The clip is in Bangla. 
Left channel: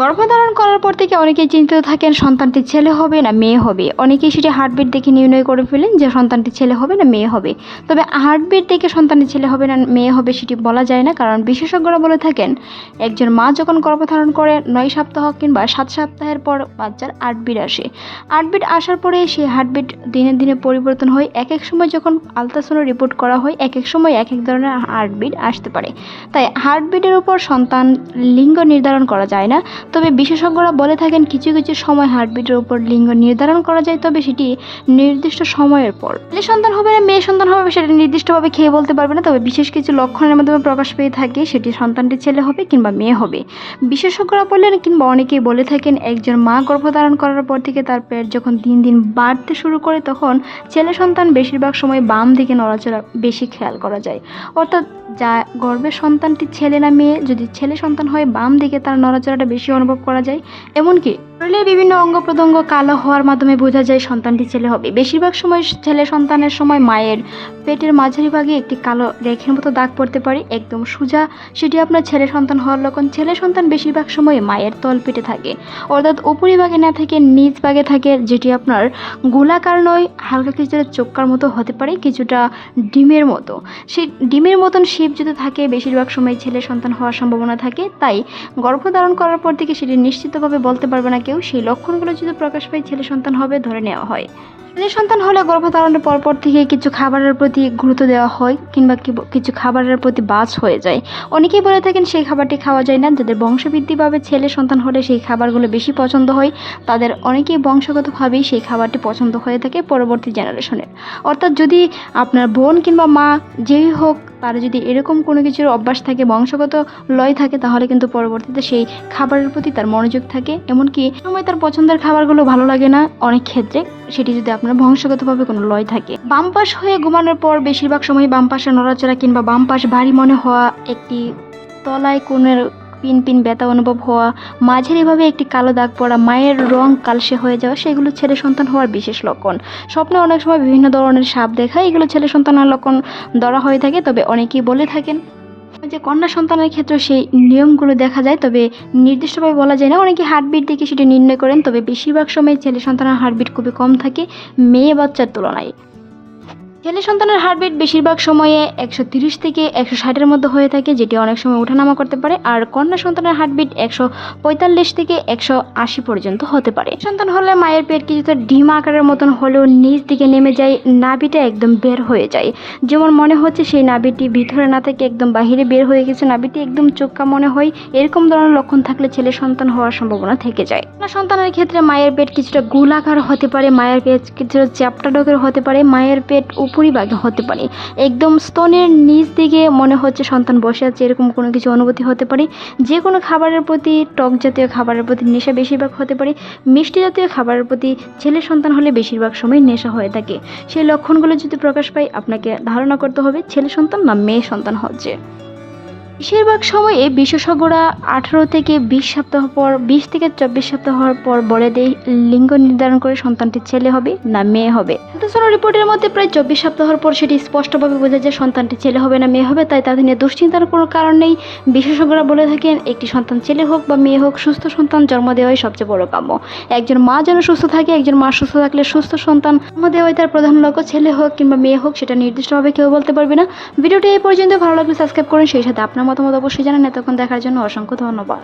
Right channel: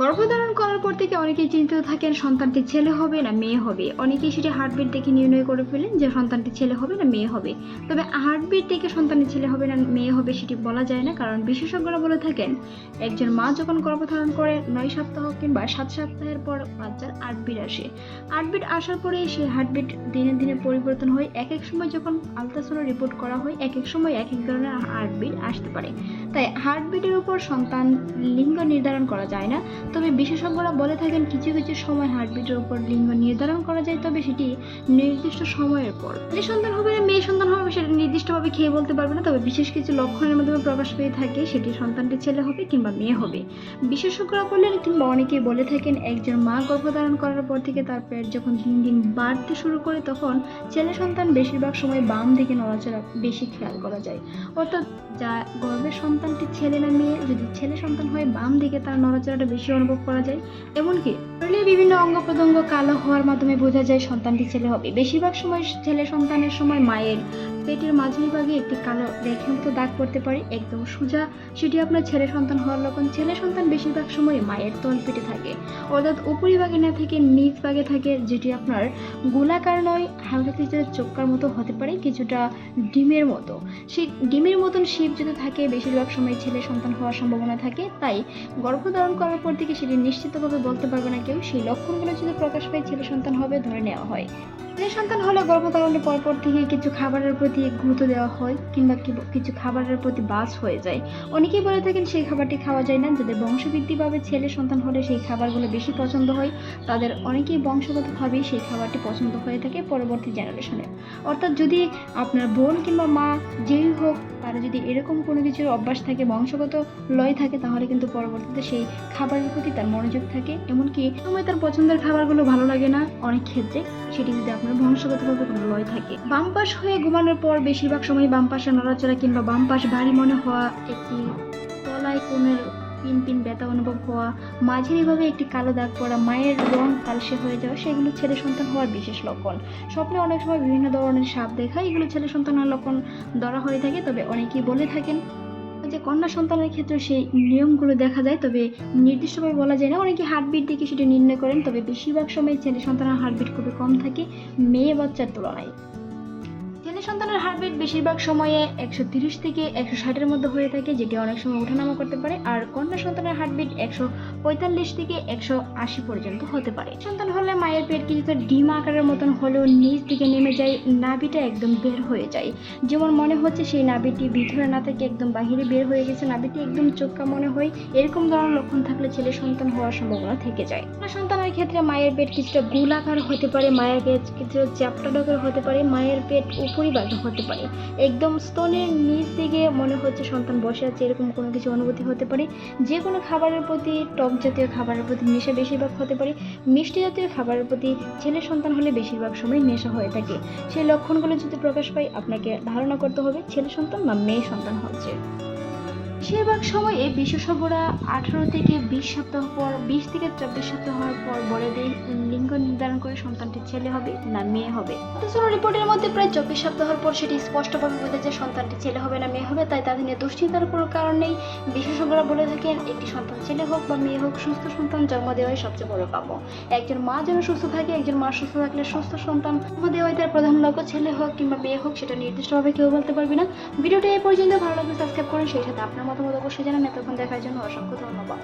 গর্ভধারণ করার পর থেকে অনেকেই চিন্তিত থাকেন সন্তানটি ছেলে হবে না মেয়ে হবে। অনেকেই সেটি হার্টবিট দেখে নির্ণয় করে ফেলেন যে সন্তানটি ছেলে হবে না মেয়ে হবে। তবে হার্টবিট দেখে সন্তানটি ছেলে হবে না মেয়ে হবে সেটি বলা যায় না, কারণ বিশেষজ্ঞরা বলে থাকেন একজন মা যখন গর্ভধারণ করে 9 সপ্তাহ কিংবা 7 সপ্তাহের পর বাচ্চার হার্টবিট আসে। হার্টবিট আসার পরে সেই হার্টবিট দিনে দিনে পরিবর্তন হয়। এক এক সময় যখন আলট্রাসাউন্ড রিপোর্ট করা হয় এক এক সময় এক এক ধরনের হার্টবিট আসতে পারে। তাই হার্টবিটের উপর সন্তান লিঙ্গ নির্ধারণ করা যায় না। তবে বিশেষজ্ঞরা বলে থাকেন কিছু কিছু সময় হার্টবিটের উপর লিঙ্গ নির্ধারণ করা যায়, তবে সেটি নির্দিষ্ট সময়ের পর। ছেলে সন্তান হবে না মেয়ে সন্তান হবে সেটা নির্দিষ্টভাবে খেয়ে বলতে পারবে না, তবে বিশেষ কিছু লক্ষণের মাধ্যমে প্রকাশ পেয়ে থাকে সেটি সন্তানটি ছেলে হবে কিংবা মেয়ে হবে। বিশেষজ্ঞরা বললেন কিংবা অনেকেই বলে থাকেন একজন মা গর্ভধারণ করার পর থেকে তার পেট যখন দিন দিন বাড়তে শুরু করে তখন ছেলে সন্তান বেশিরভাগ সময় বাম দিকে নড়াচড়া বেশি খেয়াল করা যায়। অর্থাৎ যা গর্ভের সন্তানটি ছেলে না মেয়ে, যদি ছেলে সন্তান হয় বাম দিকে তার নড়াচড়াটা বেশি অনুভব করা যায়। এমনকি শরীরের বিভিন্ন অঙ্গ প্রত্যঙ্গ কালো হওয়ার মাধ্যমে বোঝা যায় সন্তানটি ছেলে হবে। বেশিরভাগ সময় ছেলে সন্তানের সময় মায়ের পেটের মাঝারি ভাগে একটি কালো রেখার মতো দাগ পড়তে পারে একদম সোজা, সেটি আপনার ছেলে সন্তান হওয়ার লক্ষণ। ছেলে সন্তান বেশিরভাগ সময় মায়ের তল পেটে থাকে, অর্থাৎ উপরিভাগে না থেকে নিচ ভাগে থাকে, যেটি আপনার গোলাকার নয়, হালকা কিছুটা চোক্কার মতো হতে পারে, কিছুটা ডিমের মতো। সেই ডিমের মতন শেপ যদি থাকে বেশিরভাগ সময় ছেলে সন্তান হওয়ার সম্ভাবনা থাকে। তাই গর্ভধারণ করার পর থেকে সেটি নিশ্চিতভাবে বলতে পারবে না কেউ। সেই লক্ষণগুলো যদি প্রকাশ পায় ছেলে সন্তান হবে ধরে নেওয়া হয়। ছেলে সন্তান হলে গর্ভধারণের পরপর থেকে কিছু খাবারের প্রতি গুরুত্ব দেওয়া হয় কিংবা কিছু খাবারের প্রতি বাজ হয়ে যায়। অনেকেই বলে থাকেন সেই খাবারটি খাওয়া যায় না। যাদের বংশবৃদ্ধি পাবে ছেলে সন্তান হলে সেই খাবারগুলো বেশি পছন্দ হয়, তাদের অনেকেই বংশগতভাবেই সেই খাবারটি পছন্দ হয়ে থাকে পরবর্তী জেনারেশনের। অর্থাৎ যদি আপনার বোন কিংবা মা যেই হোক তার যদি এরকম কোনো কিছুর অভ্যাস থাকে, বংশগত লয় থাকে, তাহলে কিন্তু পরবর্তীতে সেই খাবারের প্রতি তার মনোযোগ থাকে। এমনকি সময় তার পছন্দের খাবারগুলো ভালো লাগে না অনেক ক্ষেত্রে, সেটি যদি আপনার বংশগতভাবে কোনো লয় থাকে। বাম পাশ হয়ে ঘুমানোর পর বেশিরভাগ সময় বাম পাশে নড়াচড়া কিংবা বাম পাশ ভারী মনে হওয়া, একটি তলায় কোণের পিন পিন ব্যথা অনুভব হওয়া, মাঝারিভাবে একটি কালো দাগ পড়া, মায়ের রং কালসে হয়ে যাওয়া, সেগুলো ছেলে সন্তান হওয়ার বিশেষ লক্ষণ। স্বপ্নে অনেক সময় বিভিন্ন ধরনের সাপ দেখা, এগুলো ছেলে সন্তানের লক্ষণ ধরা হয়ে থাকে। তবে অনেকেই বলে থাকেন যে কন্যা সন্তানের ক্ষেত্রে সেই নিয়মগুলো দেখা যায়, তবে নির্দিষ্টভাবে বলা যায় না। অনেকে হার্টবিট দেখে সেটি নির্ণয় করেন, তবে বেশিরভাগ সময় ছেলে সন্তানের হার্টবিট খুবই কম থাকে মেয়ে বাচ্চার তুলনায়। ছেলে সন্তানের হার্টবিট বেশিরভাগ সময়ে 130 থেকে 160-এর মধ্যে হয়ে থাকে, যেটি অনেক সময় ওঠানামা করতে পারে। আর কন্যা সন্তানের হার্টবিট 145 থেকে 180 পর্যন্ত হতে পারে। সন্তান হলে মায়ের পেট কিছুটা ডিম আকারের মতন হলেও নিচ দিকে নেমে যায়, নাভিটা একদম বের হয়ে যায়, যেমন মনে হচ্ছে সেই নাভিটি ভিতরে না থেকে একদম বাহিরে বের হয়ে গেছে, নাভিটি একদম চোক্কা মনে হয়। এরকম ধরনের লক্ষণ থাকলে ছেলে সন্তান হওয়ার সম্ভাবনা থেকে যায়। কন্যা সন্তানের ক্ষেত্রে মায়ের পেট কিছুটা গোলাকার হতে পারে, মায়ের পেট কিছুটা চ্যাপ্টা ডোকের হতে পারে, মায়ের পেট উপরিভাগে হতে পারে, একদম স্তনের নিচ দিকে মনে হচ্ছে সন্তান বসে আছে, এরকম কোনো কিছু অনুভূতি হতে পারে। যে কোনো খাবারের প্রতি, টক জাতীয় খাবারের প্রতি নেশা বেশিরভাগ হতে পারে। মিষ্টি জাতীয় খাবারের প্রতি ছেলে সন্তান হলে বেশিরভাগ সময় নেশা হয়ে থাকে। সেই লক্ষণগুলো যদি প্রকাশ পায় আপনাকে ধারণা করতে হবে ছেলে সন্তান না মেয়ে সন্তান হচ্ছে। বেশিরভাগ সময়ে বিশেষজ্ঞরা 18 থেকে 20 সপ্তাহ পর, 20 থেকে 24 সপ্তাহ হওয়ার পর বলে দেয় লিঙ্গ নির্ধারণ করে সন্তানটি ছেলে হবে না মেয়ে হবে। আলট্রাসাউন্ড রিপোর্টের মধ্যে প্রায় 24 সপ্তাহের পর সেটি স্পষ্টভাবে বোঝা যায় সন্তানটি ছেলে হবে না মেয়ে হবে। তাই তাদের নিয়ে দুশ্চিন্তার কোনো কারণ নেই। বিশেষজ্ঞরা বলে থাকেন একটি সন্তান ছেলে হোক বা মেয়ে হোক, সুস্থ সন্তান জন্ম দেওয়াই সবচেয়ে বড় কাম্য। একজন মা যেন সুস্থ থাকে, একজন মা সুস্থ থাকলে সুস্থ সন্তান জন্ম দেওয়াই তার প্রধান লক্ষ্য। ছেলে হোক কিংবা মেয়ে হোক সেটা নির্দিষ্টভাবে কেউ বলতে পারবে না। ভিডিওটি এই পর্যন্ত ভালো লাগলে সাবস্ক্রাইব করুন, সেই সাথে আপনার মতামত অবশ্যই জানান। এতক্ষণ দেখার জন্য অসংখ্য ধন্যবাদ।